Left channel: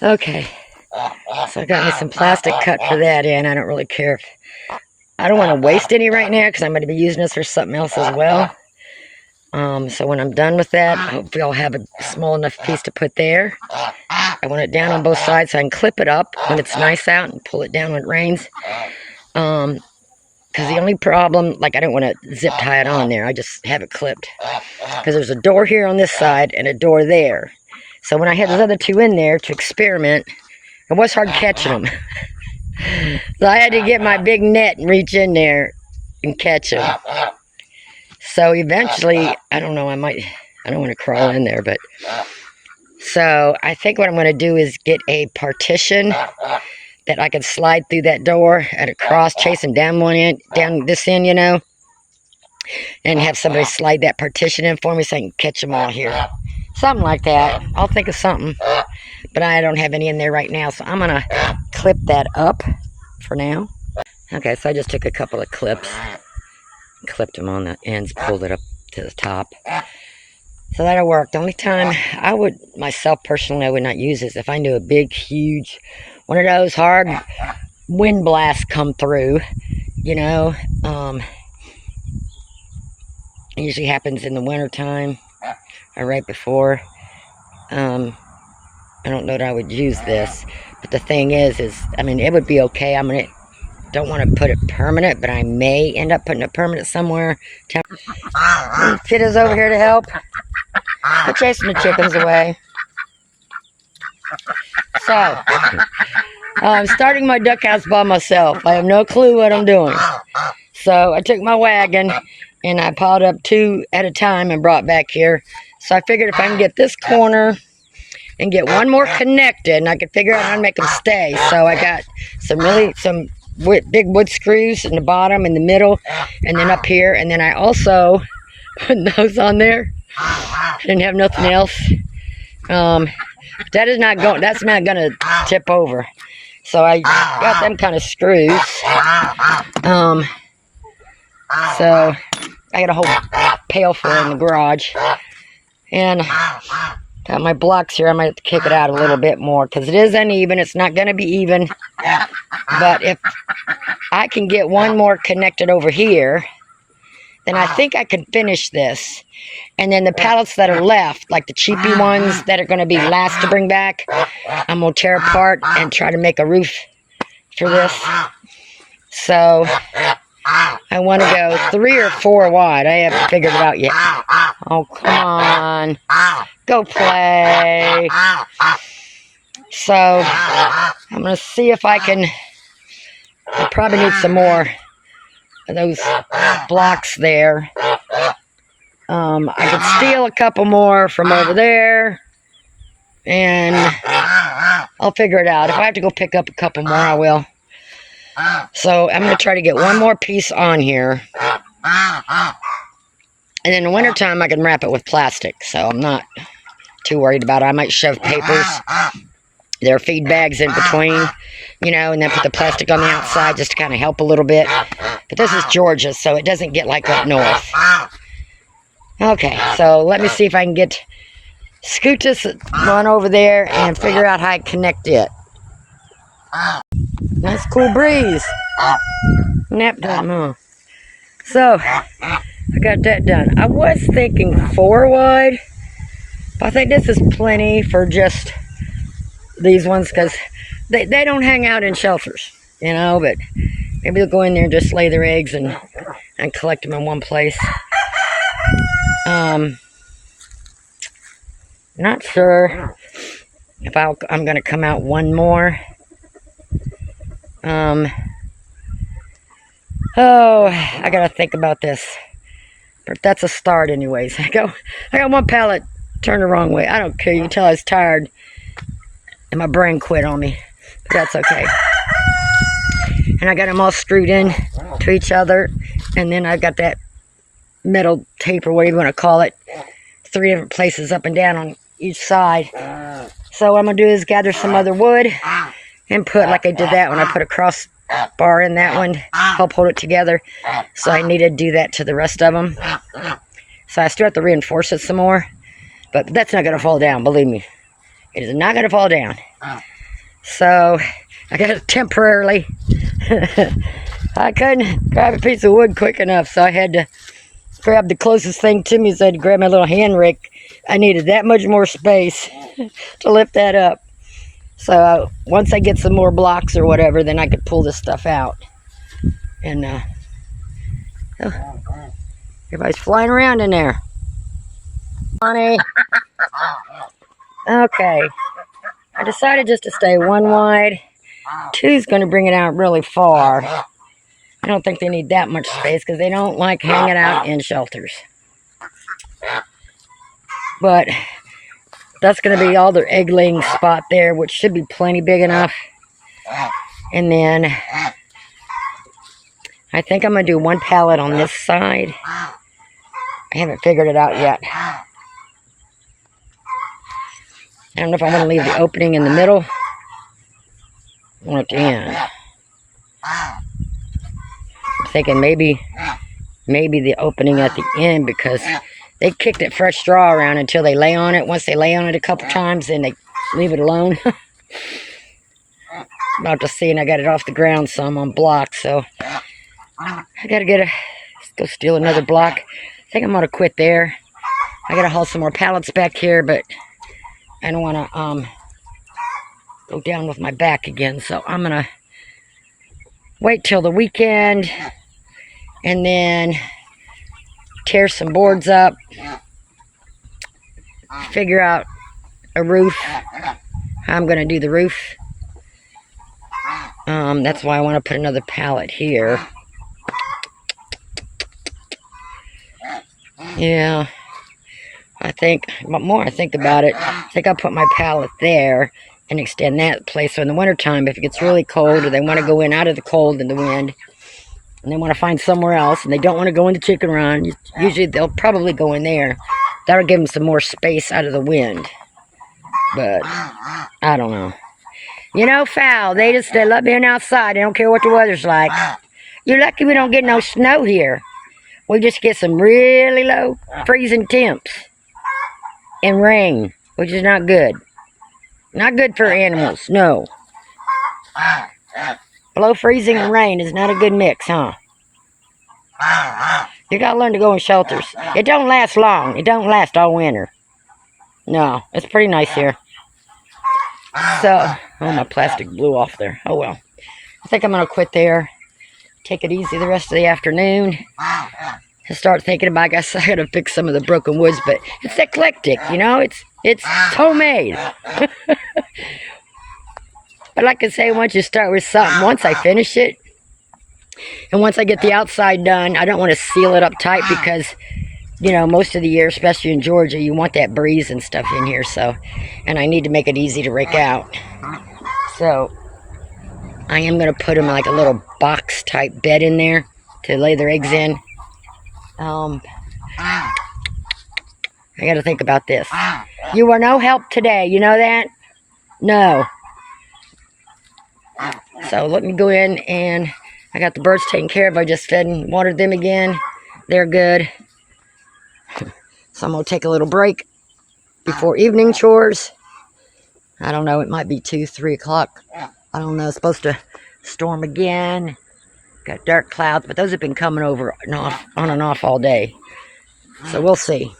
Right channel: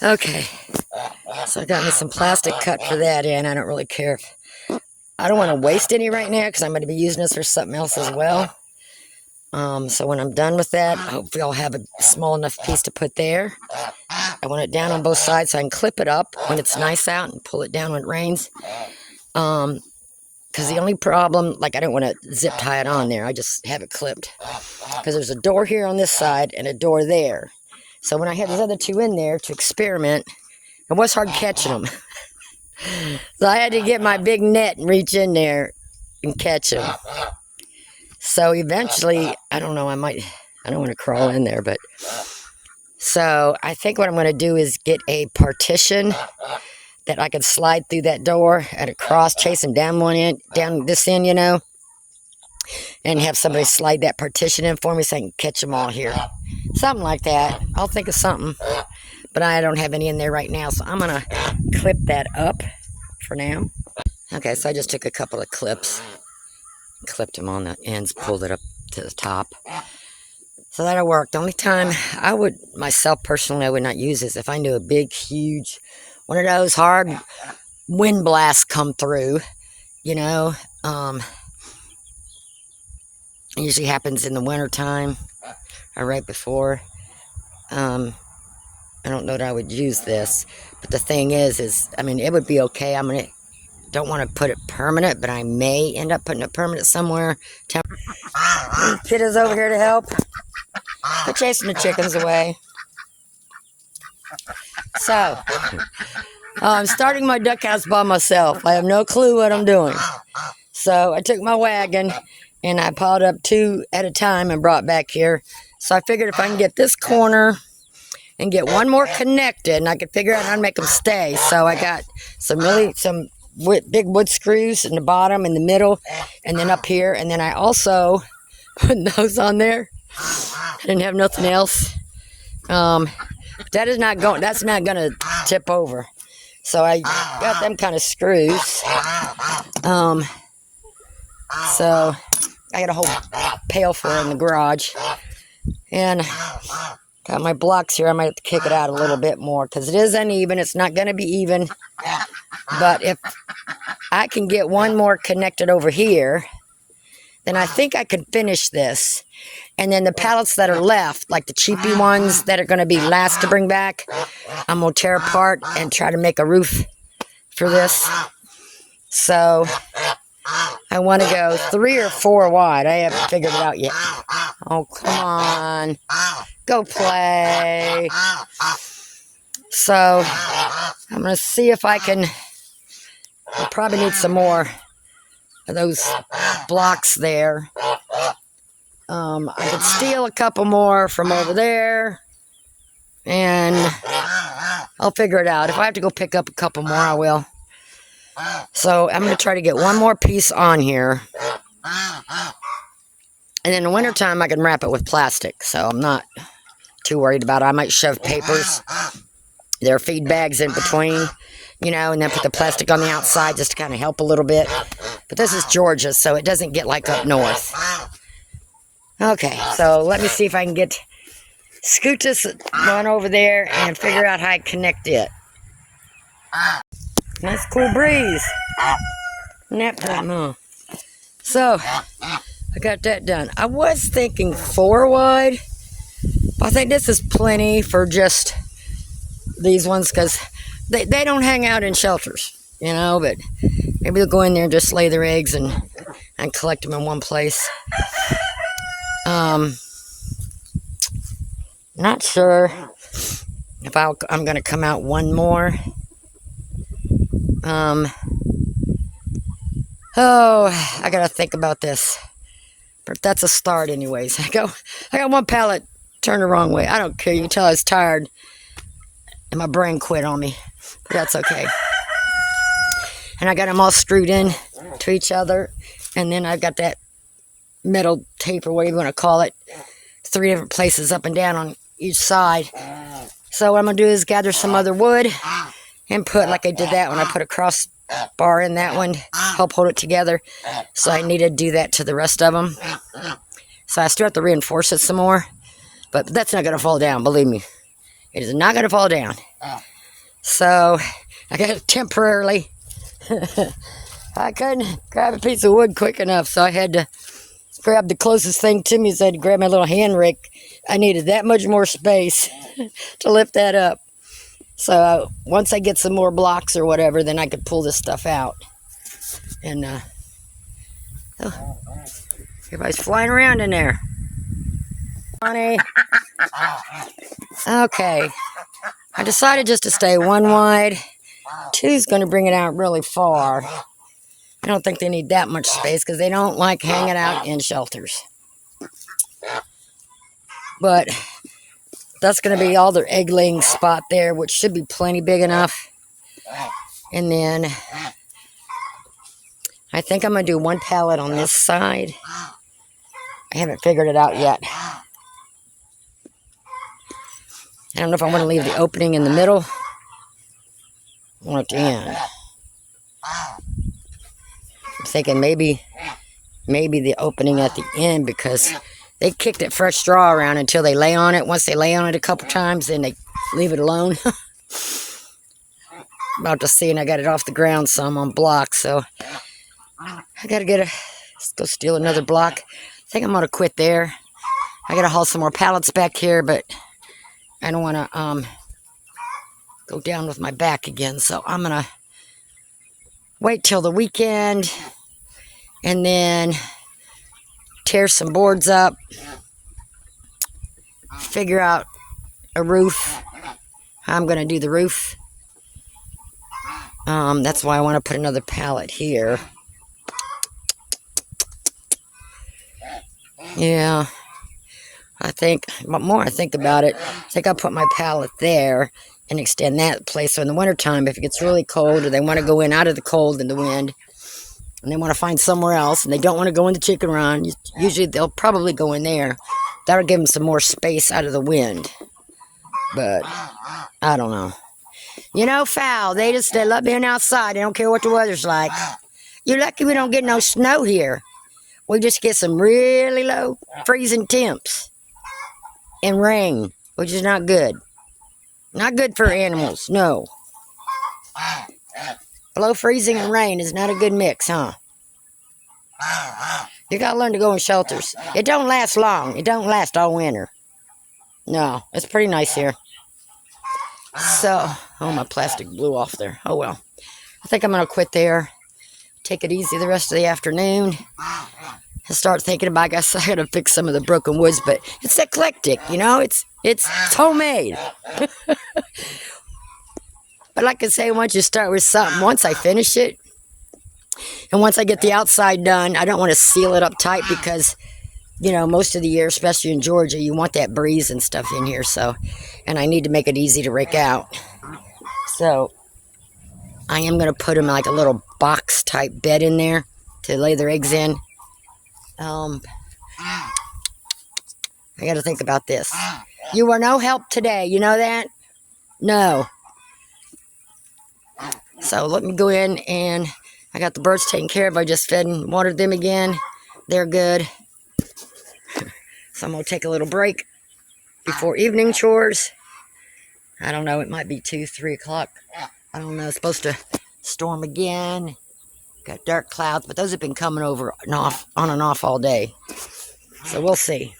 Okay, so I got me some plastic cut for that in. I don't really care if I don't want to waste any right now because I'm going to be using this for something else as well. So when I'm done with that, hopefully I'll have a small enough piece to put there. I want it down on both sides so I can clip it up when it's nice out and pull it down when it rains. Because the only problem, like I don't want to zip tie it on there. I just have it clipped. Because there's a door here on this side and a door there. So when I had those other two in there to experiment, it was hard catching them. So I had to get my big net and reach in there and catch them. So eventually, I don't know, I don't want to crawl in there, but... So I think what I'm going to do is get a partition that I can slide through that door at a cross, chase them down one end, down this end, you know, and have somebody slide that partition in for me so I can catch them all here. Something like that. I'll think of something, but I don't have any in there right now, so I'm going to clip that up for now. Okay, so I just took a couple of clips, clipped them on the ends, pulled it up to the top. So that'll work. The only time I would, myself personally, I would not use this if I knew a big, huge, one of those hard wind blasts come through, you know. It usually happens in the wintertime or right before. I don't know that I would use this. But the thing is, I mean, it would be okay. Don't want to put it permanent, but I may end up putting it permanent somewhere. Kid is over here to help. We're chasing the chickens away. So, I'm starting my duck house by myself. I have no clue what I'm doing. So, I took my wagon and I piled up two at a time and brought back here. So, I figured if I can get this corner and get one more connected, and I could figure out how to make them stay. So, I got some big wood screws in the bottom, in the middle, and then up here. And then I also put those on there. I didn't have nothing else. That's not gonna tip over. So I got them kind of screws. So I got a whole pail full in the garage. And got my blocks here. I might have to kick it out a little bit more because it is uneven. It's not gonna be even. But if I can get one more connected over here, then I think I can finish this. And then the pallets that are left, like the cheapy ones that are going to be last to bring back, I'm going to tear apart and try to make a roof for this. So I want to go 3 or 4 wide. I haven't figured it out yet. Oh, come on. Go play. So I'm going to see if I can... I probably need some more of those blocks there. I could steal a couple more from over there, and I'll figure it out. If I have to go pick up a couple more, I will. So I'm going to try to get one more piece on here. And in the wintertime, I can wrap it with plastic, so I'm not too worried about it. I might shove papers, their feed bags in between, you know, and then put the plastic on the outside just to kind of help a little bit. But this is Georgia, so it doesn't get like up north. Okay, so let me see if I can scoot this one over there and figure out how I connect it. Nice cool breeze. Nap time, huh? So, I got that done. I was thinking 4 wide, but I think this is plenty for just these ones because they don't hang out in shelters, you know, but maybe they'll go in there and just lay their eggs and collect them in one place. Not sure if I'm going to come out one more. I got to think about this. But that's a start anyways. I got one pallet turned the wrong way. I don't care. You can tell I was tired and my brain quit on me. But that's okay. And I got them all screwed in to each other. And then I got that metal tape or whatever you want to call it, 3 different places up and down on each side. So what I'm going to do is gather some other wood and put, like I did that one, I put a cross bar in that one, help hold it together. So I need to do that to the rest of them. So I still have to reinforce it some more, but that's not going to fall down, believe me. It is not going to fall down. So I got it temporarily. I couldn't grab a piece of wood quick enough, so I had to grab the closest thing to me. So I had to grab my little hand rake. I needed that much more space to lift that up. So once I get some more blocks or whatever, then I could pull this stuff out. And oh, everybody's flying around in there. Honey. Okay. I decided just to stay one wide. Two's going to bring it out really far. I don't think they need that much space because they don't like hanging out in shelters. But that's going to be all their egg-laying spot there, which should be plenty big enough. And then I think I'm going to do one pallet on this side. I haven't figured it out yet. I don't know if I want to leave the opening in the middle or at the end. I'm thinking maybe the opening at the end, because they kicked it fresh straw around until they lay on it. Once they lay on it a couple times, then they leave it alone. About to see, and I got it off the ground some on blocks, so I gotta let's go steal another block. I think I'm gonna quit there. I gotta haul some more pallets back here, but I don't want to go down with my back again, so I'm going to wait till the weekend and then tear some boards up, figure out a roof, how I'm going to do the roof. That's why I want to put another pallet here. Yeah. But more I think about it, I think I'll put my pallet there and extend that place. So in the wintertime, if it gets really cold or they want to go in out of the cold and the wind, and they want to find somewhere else, and they don't want to go in the chicken run, usually they'll probably go in there. That'll give them some more space out of the wind. But I don't know. You know, fowl, they love being outside. They don't care what the weather's like. You're lucky we don't get no snow here. We just get some really low freezing temps. And rain, which is not good. Not good for animals, no. Below freezing and rain is not a good mix, huh? You gotta learn to go in shelters. It don't last long. It don't last all winter. No, it's pretty nice here. So, oh, my plastic blew off there. Oh, well. I think I'm gonna quit there. Take it easy the rest of the afternoon. And start thinking about, I guess I gotta fix some of the broken woods, but it's eclectic, you know, it's homemade. But like I say, once you start with something, once I finish it, and once I get the outside done, I don't want to seal it up tight because, you know, most of the year, especially in Georgia, you want that breeze and stuff in here, so, and I need to make it easy to rake out. So, I am gonna put them like a little box type bed in there to lay their eggs in. I gotta think about this. You are no help today, you know that? No. So let me go in, and I got the birds taken care of. I just fed and watered them again. They're good. So I'm gonna take a little break before evening chores. I don't know, it might be 2, 3 o'clock. I don't know, it's supposed to storm again. Got dark clouds, but those have been coming over and off, on and off all day. So we'll see.